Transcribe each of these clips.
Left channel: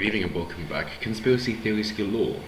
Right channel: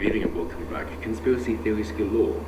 Good evening and welcome back. Conspiracy theories galore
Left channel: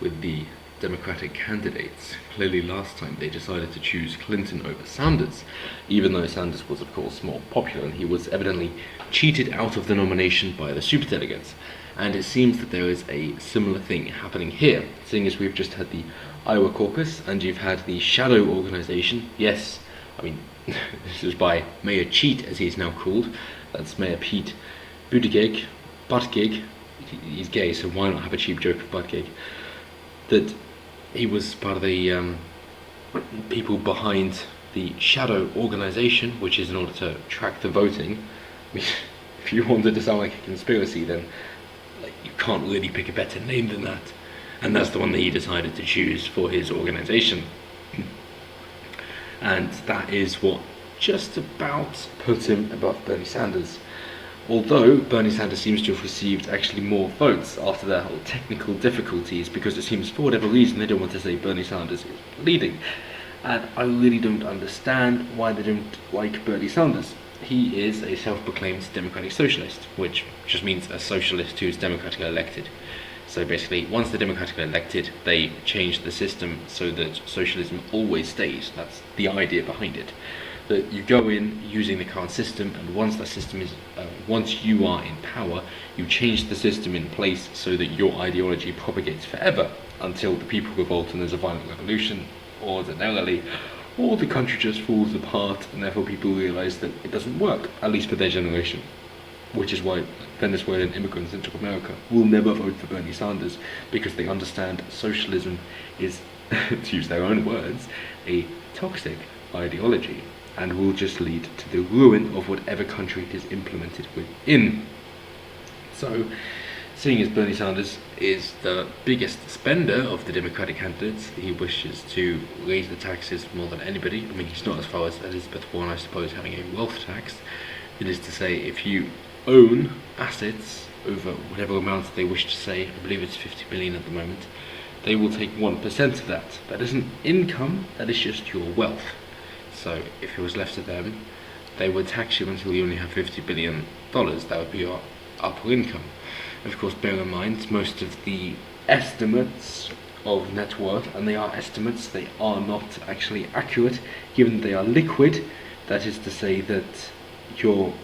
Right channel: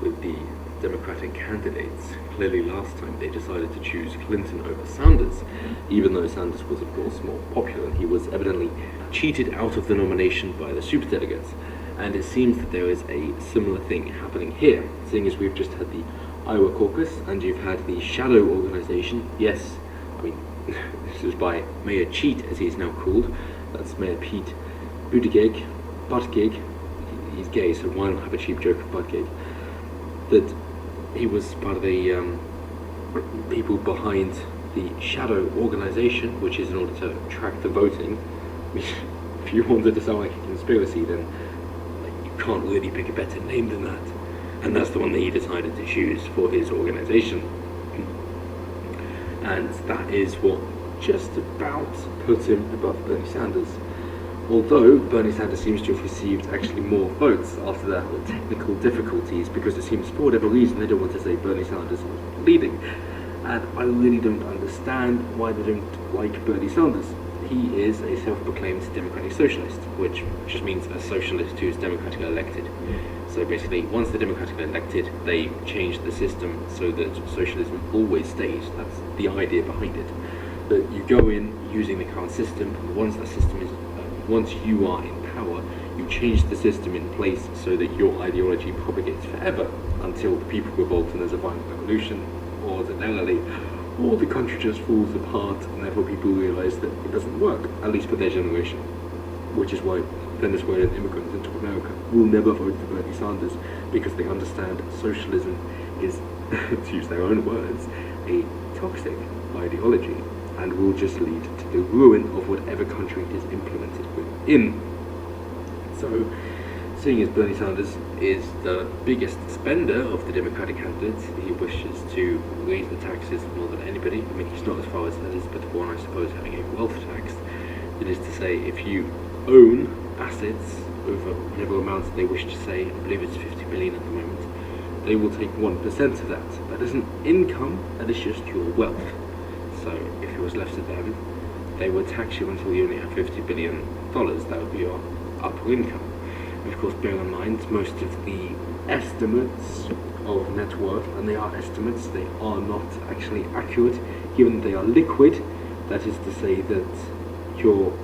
with the Democratic candidates. Clearly last time they decided to choose Clinton over Sanders, even though Sanders was of course more popular and he was evidently cheated out of the nomination by the superdelegates. And it seems that there is a similar thing happening here, seeing as we've just had the Iowa caucus and you've had the shadow organization. Yes, I mean, this is by Mayor Cheat, as he's now called. That's Mayor Pete Buttigieg. He's gay, so why not have a cheap joke of Buttigieg? That he was part of the people behind the shadow organization, which is in order to track the voting. I mean, if you wanted to sound like a conspiracy, then you can't really pick a better name than that. And that's the one that he decided to choose for his organization. And that is what just about put him above Bernie Sanders. Although Bernie Sanders seems to have received actually more votes after their whole technical difficulties, because it seems for whatever reason they don't want to say Bernie Sanders is leading. And I really don't understand why they don't like Bernie Sanders. He is a self-proclaimed democratic socialist, which just means a socialist who's democratically elected. So basically, once they're democratically elected, they change the system so that socialism always stays. That's the idea behind it. That you go in using the current system, and once that system is, once you are in power, you change the system in place so that your ideology propagates forever until the people revolt and there's a violent revolution, ordinarily, or the country just falls apart, and therefore people realise that it doesn't work, at least for their generation. Which is why Venezuelan immigrants into America will never vote for Bernie Sanders, because they understand socialism is, to use their own words, a toxic ideology, and will just lead to the ruin of whatever country it is implemented within. So, seeing as Bernie Sanders is the biggest spender of the Democratic candidates, he wishes to raise the taxes more than anybody. I mean, he's not as far as Elizabeth Warren, I suppose, having a wealth tax. It is to say, if you own assets over whatever amount they wish to say, I believe it's 50 million at the moment, they will take 1% of that. That isn't income, that is just your wealth. So if it was left to them, they would tax you until you only have $50 billion. That would be your upper income. And of course, bear in mind, most of the estimates of net worth, and they are estimates, they are not actually accurate, given that they are liquid. That is to say that your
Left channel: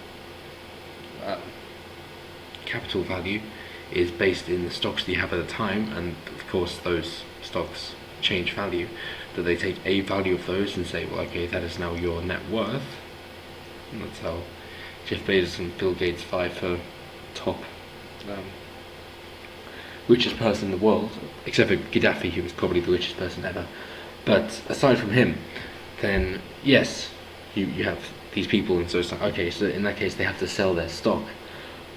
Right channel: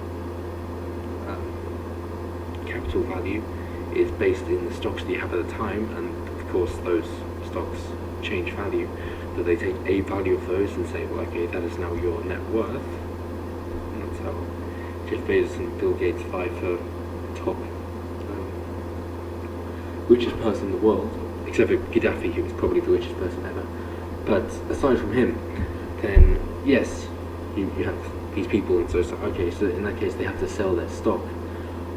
capital value is based in the stocks that you have at the time, and of course those stocks change value, that they take a value of those and say, well, okay, that is now your net worth. And that's how Jeff Bezos and Bill Gates vie for top richest person in the world, except for Gaddafi, who was probably the richest person ever. But aside from him, then yes, you have these people, and so it's like, okay, so in that case they have to sell their stock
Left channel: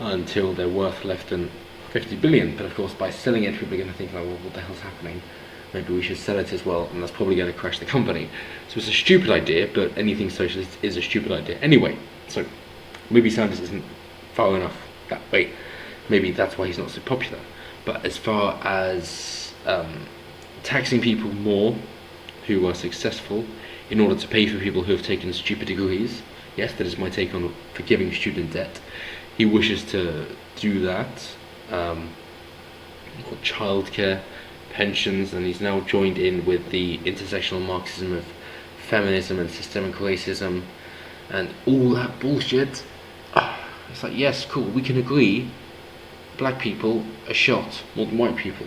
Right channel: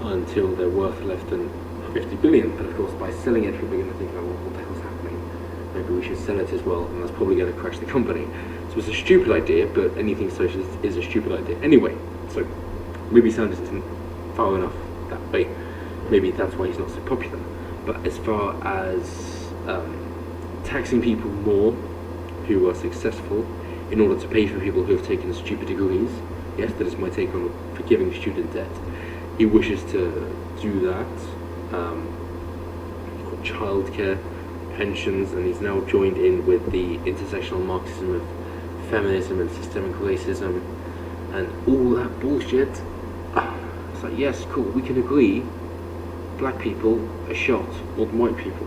until they're worth less than 50 billion. But of course, by selling it, people are going to think, like, well, what the hell's happening? Maybe we should sell it as well, and that's probably going to crash the company. So it's a stupid idea, but anything socialist is a stupid idea anyway. So maybe Sanders isn't far enough that way. Maybe that's why he's not so popular. But as far as taxing people more who are successful in order to pay for people who have taken stupid degrees, yes, that is my take on forgiving student debt. He wishes to do that. Childcare, pensions, and he's now joined in with the intersectional Marxism of feminism and systemic racism and all that bullshit. It's like, yes, cool, we can agree black people are shot more than white people.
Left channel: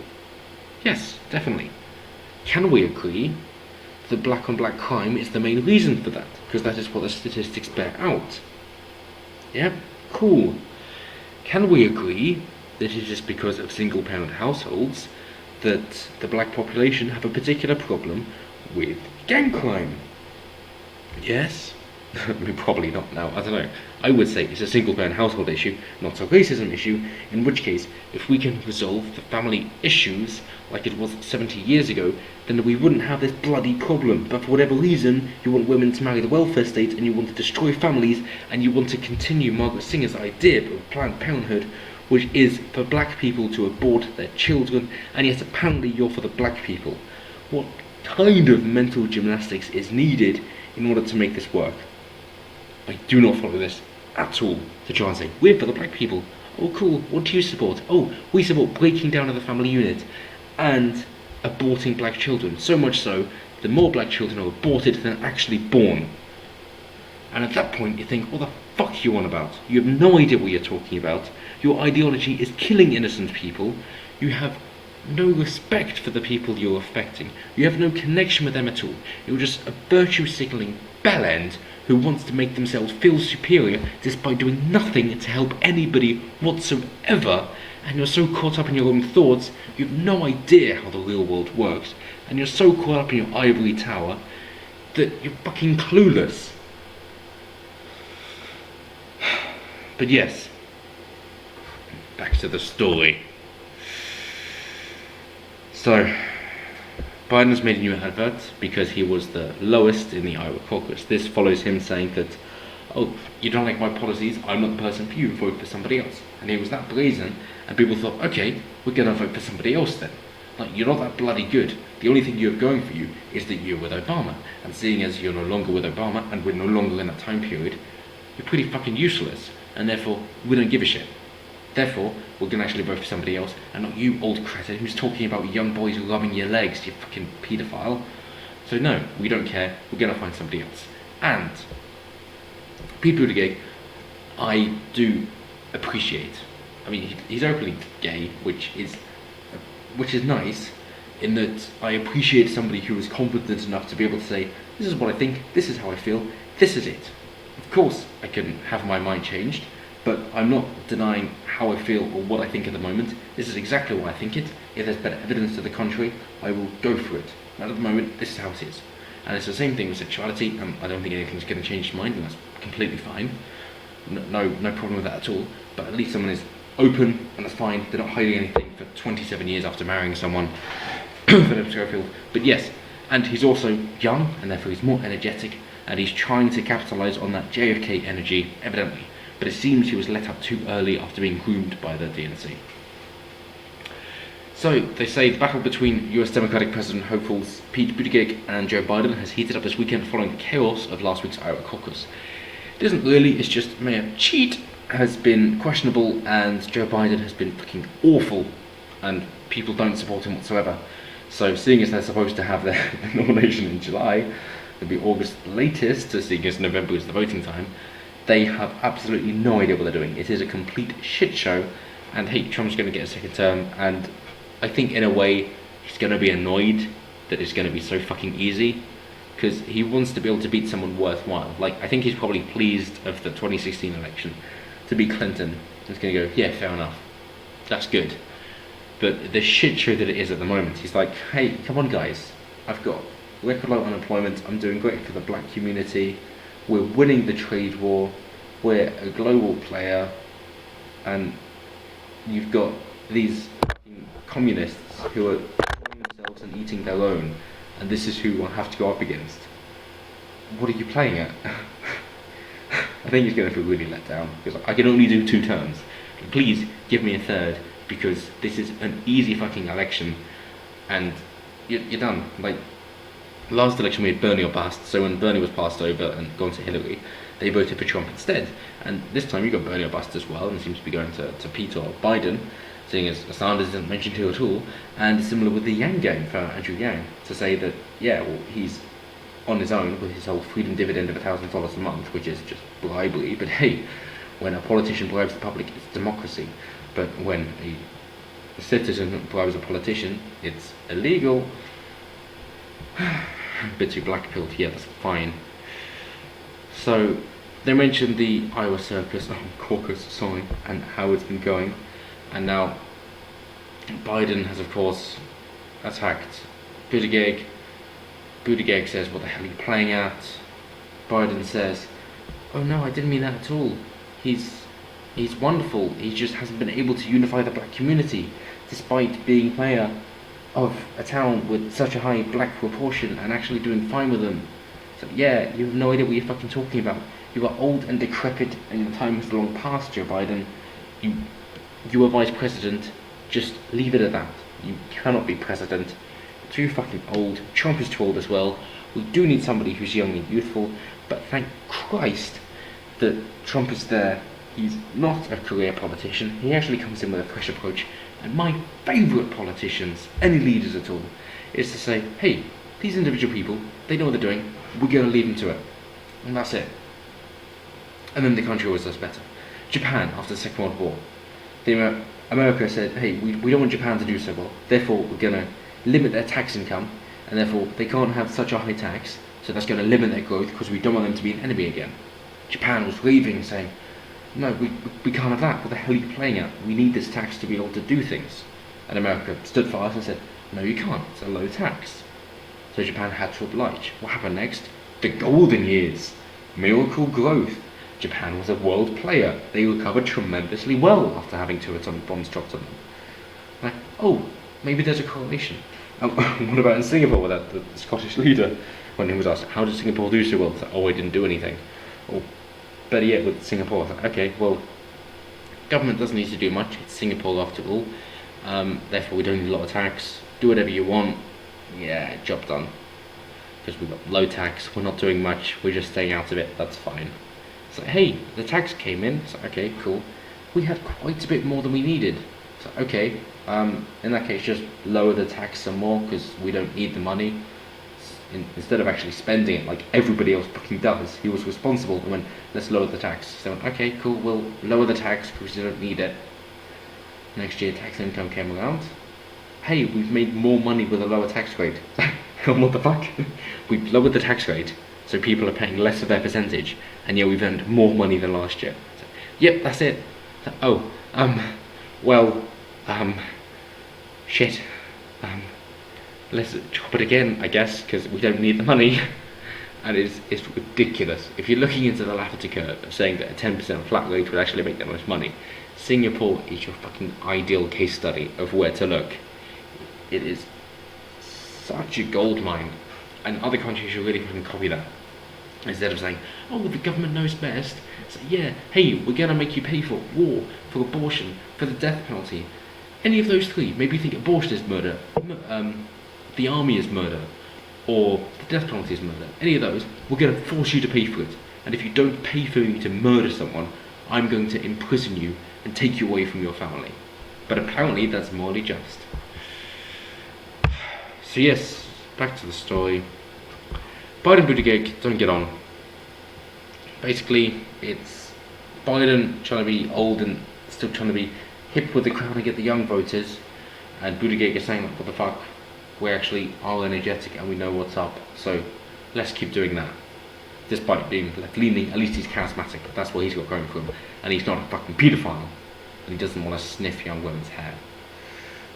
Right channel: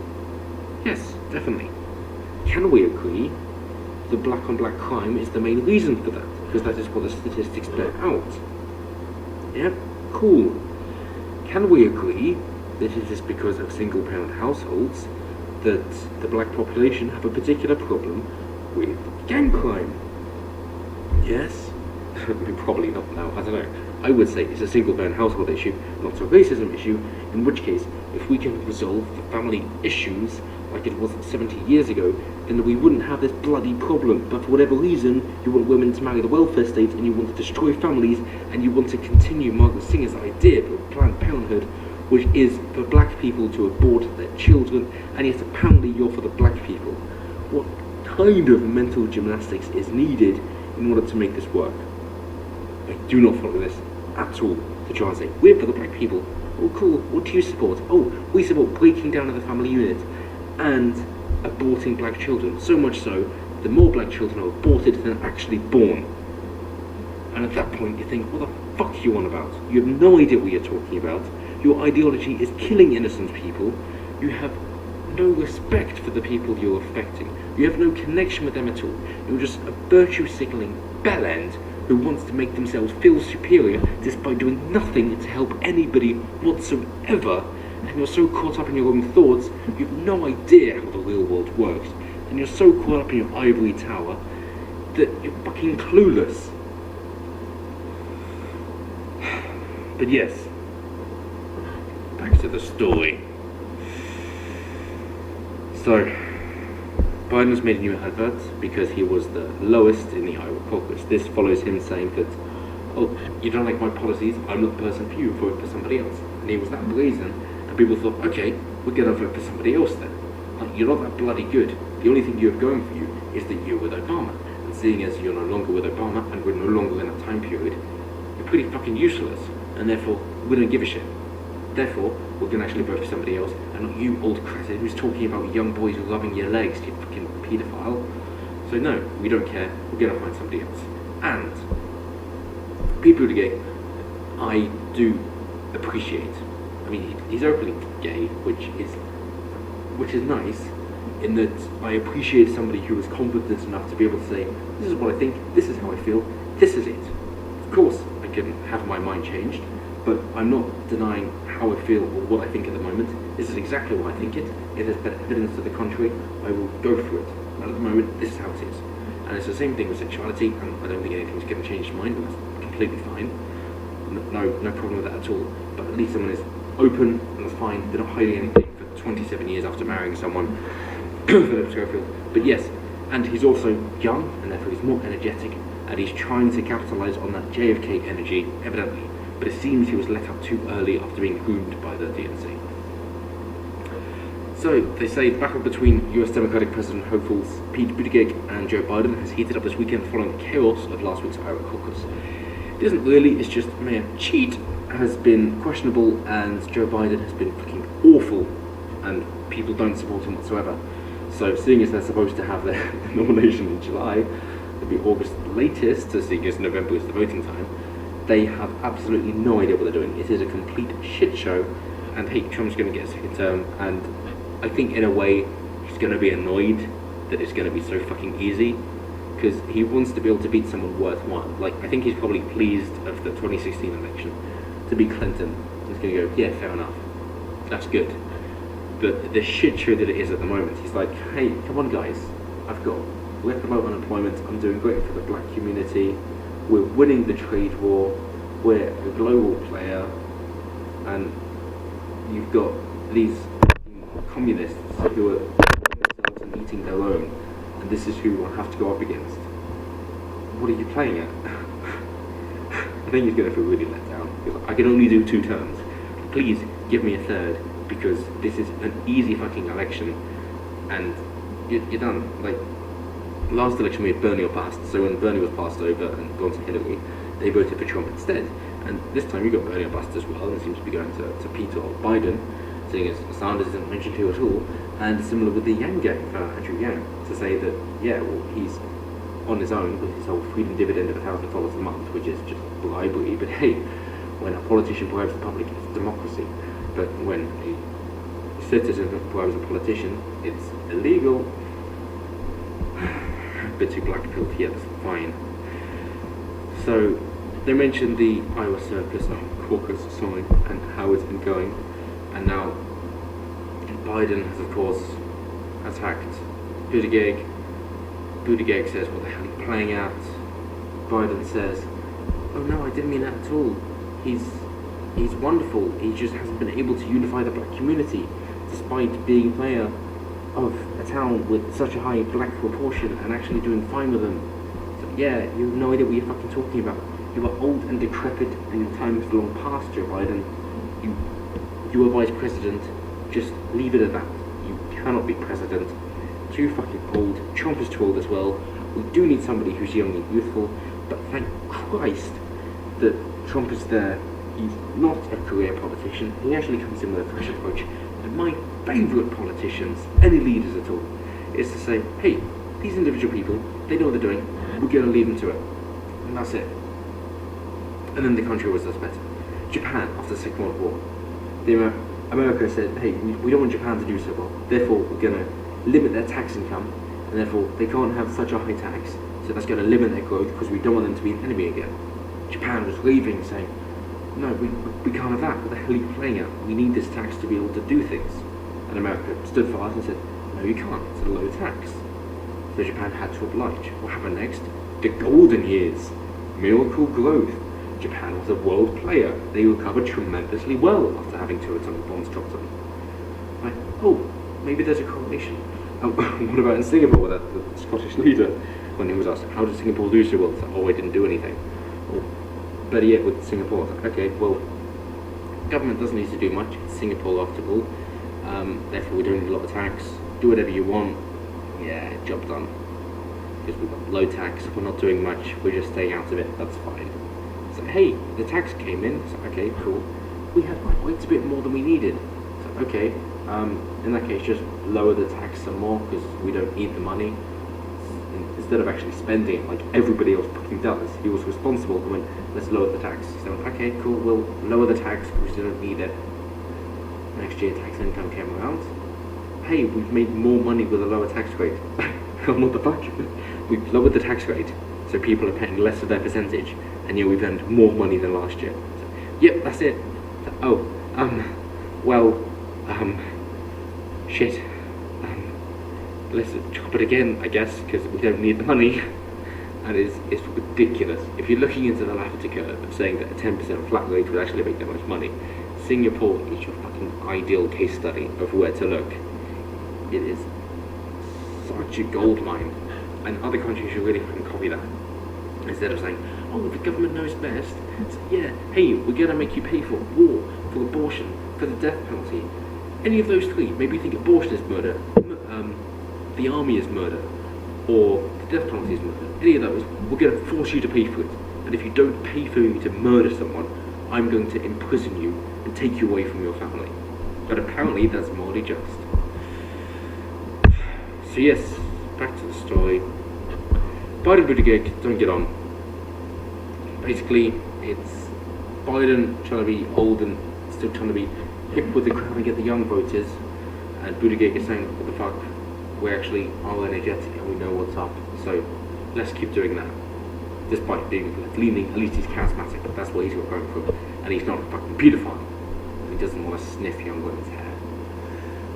Yes, definitely. Can we agree that black on black crime is the main reason for that? Because that is what the statistics bear out. Yeah, cool. Can we agree that it is because of single parent households that the black population have a particular problem with gang crime? Yes. I mean, probably not now, I don't know. I would say it's a single parent household issue, not a racism issue, in which case, if we can resolve the family issues like it was 70 years ago, then we wouldn't have this bloody problem. But for whatever reason, you want women to marry the welfare state, and you want to destroy families, and you want to continue Margaret Singer's idea of Planned Parenthood, which is for black people to abort their children, and yet apparently you're for the black people. What kind of mental gymnastics is needed in order to make this work? I do not follow this at all, to try and say, we're for the black people, Oh, cool. What do you support? Oh, we support breaking down of the family unit and aborting black children. So much so, the more black children are aborted than actually born. And at that point, you think, what the fuck are you on about? You have no idea what you're talking about. Your ideology is killing innocent people. You have no respect for the people you're affecting. You have no connection with them at all. You're just a virtue signalling bellend who wants to make themselves feel superior despite doing nothing to help anybody whatsoever. And you're so caught up in your own thoughts, you have no idea how the real world works. And you're so caught up in your ivory tower that you're fucking clueless. But yes, back to the story. So, Biden's made a new advert because he was the lowest in the Iowa caucus. This follows him saying that, oh, you don't like my policies, I'm not the person for you, vote for somebody else. And he was that brazen, and people thought, okay, we're going to vote for somebody else then. Like, you're not that bloody good. The only thing you have going for you is that you're with Obama. And seeing as you're no longer with Obama, and we're no longer in that time period, you're pretty fucking useless. And therefore, we don't give a shit. Therefore, we're going to actually vote for somebody else, and not you, old cretin, who's talking about young boys rubbing your legs, you fucking paedophile. So no, we don't care, we're going to find somebody else. And Pete Buttigieg, I do appreciate. I mean, he's openly gay, which is nice, in that I appreciate somebody who is confident enough to be able to say, this is what I think, this is how I feel, this is it. Of course, I can have my mind changed, but I'm not denying how I feel or what I think at the moment. This is exactly what I think it. If there's better evidence to the contrary, I will go for it. And at the moment, this is how it is. And it's the same thing with sexuality, and I don't think anything's going to change my mind, and that's completely fine. No problem with that at all. But at least someone is open, and that's fine. They're not hiding anything for 27 years after marrying someone. Philip Schofield. But yes, and he's also young, and therefore he's more energetic, and he's trying to capitalise on that JFK energy, evidently. But it seems he was let up too early after being groomed by the DNC. So, they say the battle between US Democratic President hopefuls Pete Buttigieg and Joe Biden has heated up this weekend following the chaos of last week's Iowa caucus. It isn't really, it's just Mayor Cheat has been questionable and Joe Biden has been fucking awful and people don't support him whatsoever. So, seeing as they're supposed to have their nomination in July, it'll be August latest, seeing as November is the voting time, they have absolutely no idea what they're doing. It is a complete shit show, and hey, Trump's going to get a second term, and I think in a way he's going to be annoyed that it's going to be so fucking easy, because he wants to be able to beat someone worthwhile. Like, I think he's probably pleased of the 2016 election to beat Clinton. He's going to go, yeah, fair enough, that's good. But the shit show that it is at the moment, he's like, hey, come on guys, I've got record low unemployment, I'm doing great for the black community, we're winning the trade war, we're a global player, and you've got these communists who are killing themselves and eating their own, and this is who I have to go up against. What are you playing at? I think he's going to feel really let down, because I can only do 2 terms. Please give me a third, because this is an easy fucking election, and you're done. Like, last election we had Bernie or bust, so when Bernie was passed over and gone to Hillary, they voted for Trump instead. And this time you got Bernie or bust as well, and it seems to be going to Pete or Biden, seeing as Slanders isn't mentioned here at all. And similar with the Yang gang for Andrew Yang, to say that, yeah, well, he's on his own with his whole freedom dividend of $1,000 a month, which is just bribery. But hey, when a politician bribes the public, it's democracy. But when a citizen bribes a politician, it's illegal. A bit too black-pilled, yeah, that's fine. So, they mentioned the Iowa caucus, sorry, and how it's been going. And now, Biden has, of course, attacked Buttigieg. Buttigieg says, what the hell are you playing at? Biden says, oh no, I didn't mean that at all. He's wonderful, he just hasn't been able to unify the black community, despite being mayor of a town with such a high black proportion and actually doing fine with them. So yeah, you have no idea what you're fucking talking about. You are old and decrepit and your time is long past, Joe Biden. You are vice president, just leave it at that. You cannot be president. Too fucking old. Trump is too old as well. We do need somebody who's young and youthful, but thank Christ that Trump is there He's not a career politician. He actually comes in with a fresh approach. And my favourite politicians, any leaders at all, is to say, hey, these individual people, they know what they're doing. We're going to leave them to it. And that's it. And then the country always does better. Japan, after the Second World War, America said, hey, we don't want Japan to do so well. Therefore, we're going to limit their tax income. And therefore, they can't have such a high tax. So that's going to limit their growth because we don't want them to be an enemy again. Japan was raving, saying, no, we can't have that. What the hell are you playing at? We need this tax to be able to do things. And America stood fast and said, no, you can't. It's a low tax. So Japan had to oblige. What happened next? The golden years. Miracle growth. Japan was a world player. They recovered tremendously well after having 2-ton bombs dropped on them. Like, oh, maybe there's a correlation. What about in Singapore with that, the Scottish leader? When he was asked, how did Singapore do so well? It's like, oh, I didn't do anything. Or better yet with Singapore, it's like, okay, well, government doesn't need to do much. It's Singapore after all. Therefore, we don't need a lot of tax. Do whatever you want. Yeah, job done. Because we've got low tax, we're not doing much, we're just staying out of it, that's fine. So, hey, the tax came in, so okay, cool. We had quite a bit more than we needed. So, okay, in that case, just lower the tax some more, because we don't need the money. Instead of actually spending it like everybody else fucking does, he was responsible and went, let's lower the tax. So, okay, cool, we'll lower the tax because we don't need it. Next year, tax income came around. Hey, we've made more money with a lower tax rate. What the fuck? We've lowered the tax rate, so people are paying less of their percentage, and yeah, we've earned more money than last year. So, yep, that's it. So, shit. Let's chop it again, I guess, because we don't need the money. And it's ridiculous. If you're looking into the Lafferty curve, saying that a 10% flat rate would actually make that much money, Singapore is your fucking ideal case study of where to look. It is such a gold mine, and other countries should really fucking copy that. Instead of saying, oh, the government knows best, say, yeah, hey, we're gonna make you pay for war, for abortion, for the death penalty. Any of those three, maybe you think abortion is murder, the army is murder, or the death penalty is murder. Any of those, we're gonna force you to pay for it. And if you don't pay for me to murder someone, I'm going to imprison you and take you away from your family. But apparently that's morally just. So yes, back to the story. Biden and Buttigieg don't get on. Basically, it's Biden trying to be old and still trying to be hip with the crowd and get the young voters, and Buttigieg is saying, what the fuck, we actually are energetic and we know what's up, so let's keep doing that. Despite being left-leaning, at least he's charismatic, that's what he's got going for him, and he's not a fucking paedophile, and he doesn't want to sniff young women's hair.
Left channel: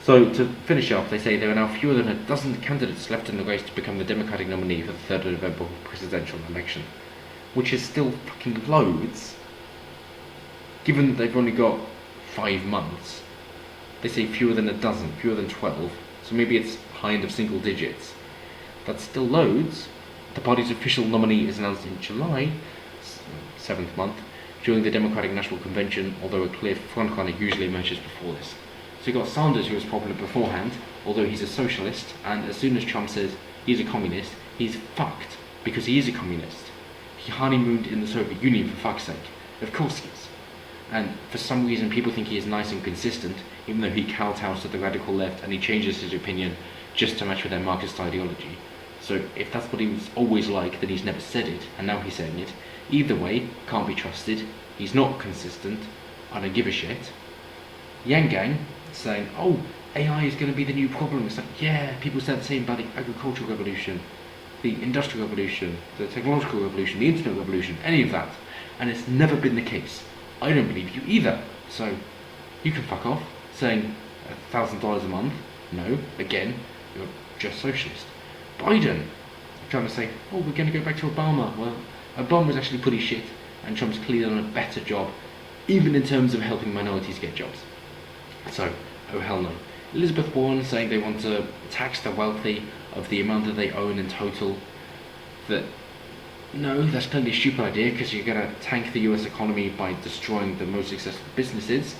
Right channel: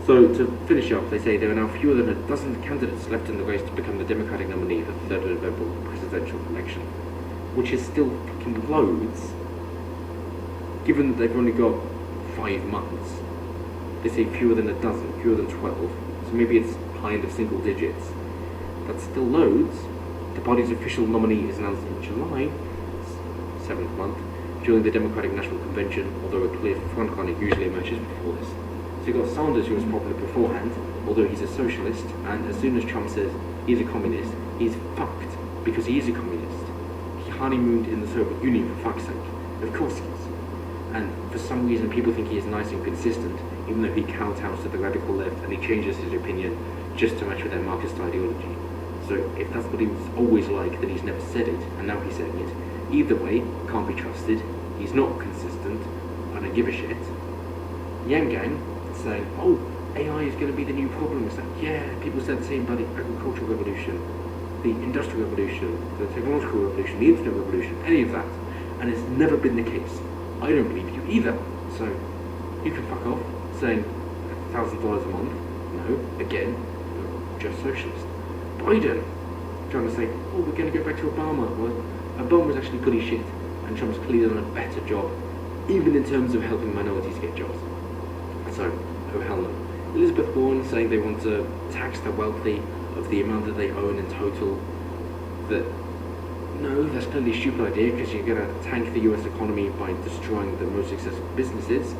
So to finish up, they say there are now fewer than a dozen candidates left in the race to become the Democratic nominee for the 3rd of November presidential election, which is still fucking loads. Given that they've only got 5 months, they say fewer than a dozen, fewer than 12, so maybe it's high end of single digits, but still loads. The party's official nominee is announced in July, 7th month, during the Democratic National Convention, although a clear frontrunner usually emerges before this. So you've got Slanders, who was popular beforehand, although he's a socialist, and as soon as Trump says he's a communist, he's fucked, because he is a communist. He honeymooned in the Soviet Union, for fuck's sake. Of course he is. And for some reason people think he is nice and consistent, even though he kowtows to the radical left and he changes his opinion just to match with their Marxist ideology. So if that's what he was always like, then he's never said it, and now he's saying it. Either way, can't be trusted. He's not consistent. I don't give a shit. Yang Gang is saying, oh, AI is going to be the new problem. It's like, yeah, people said the same about the agricultural revolution, the industrial revolution, the technological revolution, the internet revolution, any of that. And it's never been the case. I don't believe you either. So you can fuck off, saying $1,000 a month. No, again, you're just socialist. Biden trying to say, oh, we're going to go back to Obama. Well, Obama was actually pretty shit, and Trump's clearly done a better job, even in terms of helping minorities get jobs. So, oh hell no. Elizabeth Warren saying they want to tax the wealthy of the amount that they own in total. That, no, that's clearly a stupid idea, because you're going to tank the US economy by destroying the most successful businesses,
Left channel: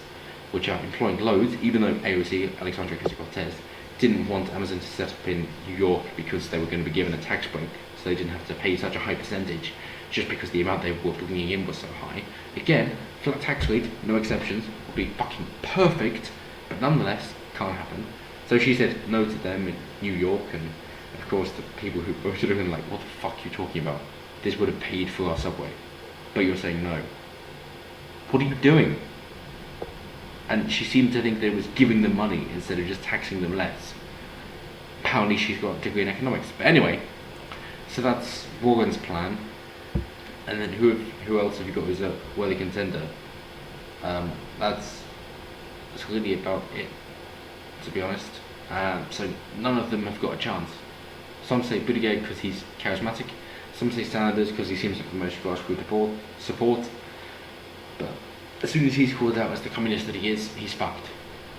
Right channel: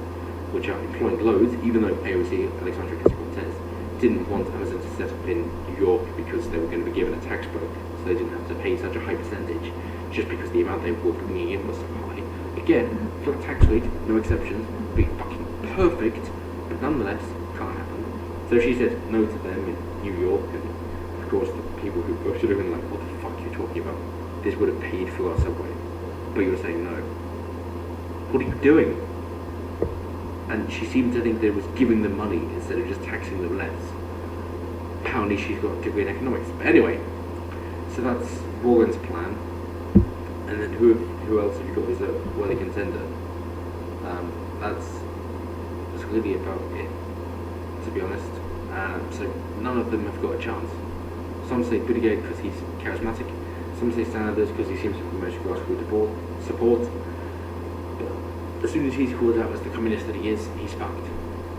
which are employing loads, even though AOC, Alexandria Ocasio-Cortez, didn't want Amazon to set up in New York because they were going to be given a tax break, so they didn't have to pay such a high percentage, just because the amount they were bringing in was so high. They again, flat tax rate, no exceptions, would be fucking perfect, but nonetheless, can't happen. So she said no to them in New York, and of course the people who voted her in like, what the fuck are you talking about? This would have paid for our subway, but you're saying no. What are you doing? And she seemed to think that it was giving them money instead of just taxing them less. Apparently she's got a degree in economics. But anyway, so that's Warren's plan. And then who else have you got as a worthy contender? That's really about it, to be honest. So none of them have got a chance. Some say Buttigieg because he's charismatic. Some say Slanders because he seems to have the most grassroots support. But as soon as he's called out as the communist that he is, he's fucked.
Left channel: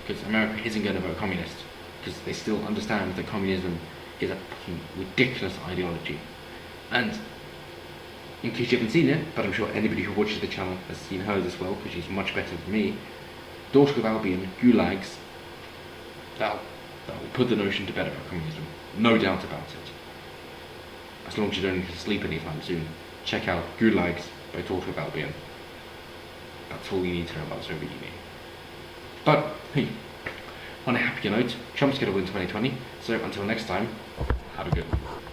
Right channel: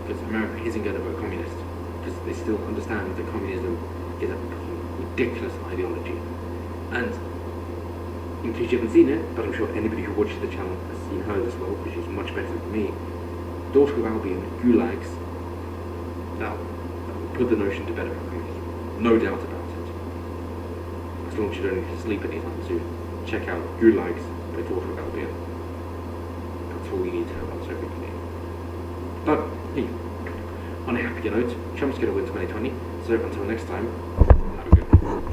Because America isn't going to vote communist. Because they still understand that communism is a fucking ridiculous ideology. And in case you haven't seen it, but I'm sure anybody who watches the channel has seen hers as well, because she's much better than me, Daughter of Albion, Gulags, that will put the notion to bed about communism. No doubt about it. As long as you don't sleep anytime soon, check out Gulags by Daughter of Albion. That's all you need to know about Soviet Union. But, hey, on a happier note, Trump's going to win 2020, so until next time, have a good one.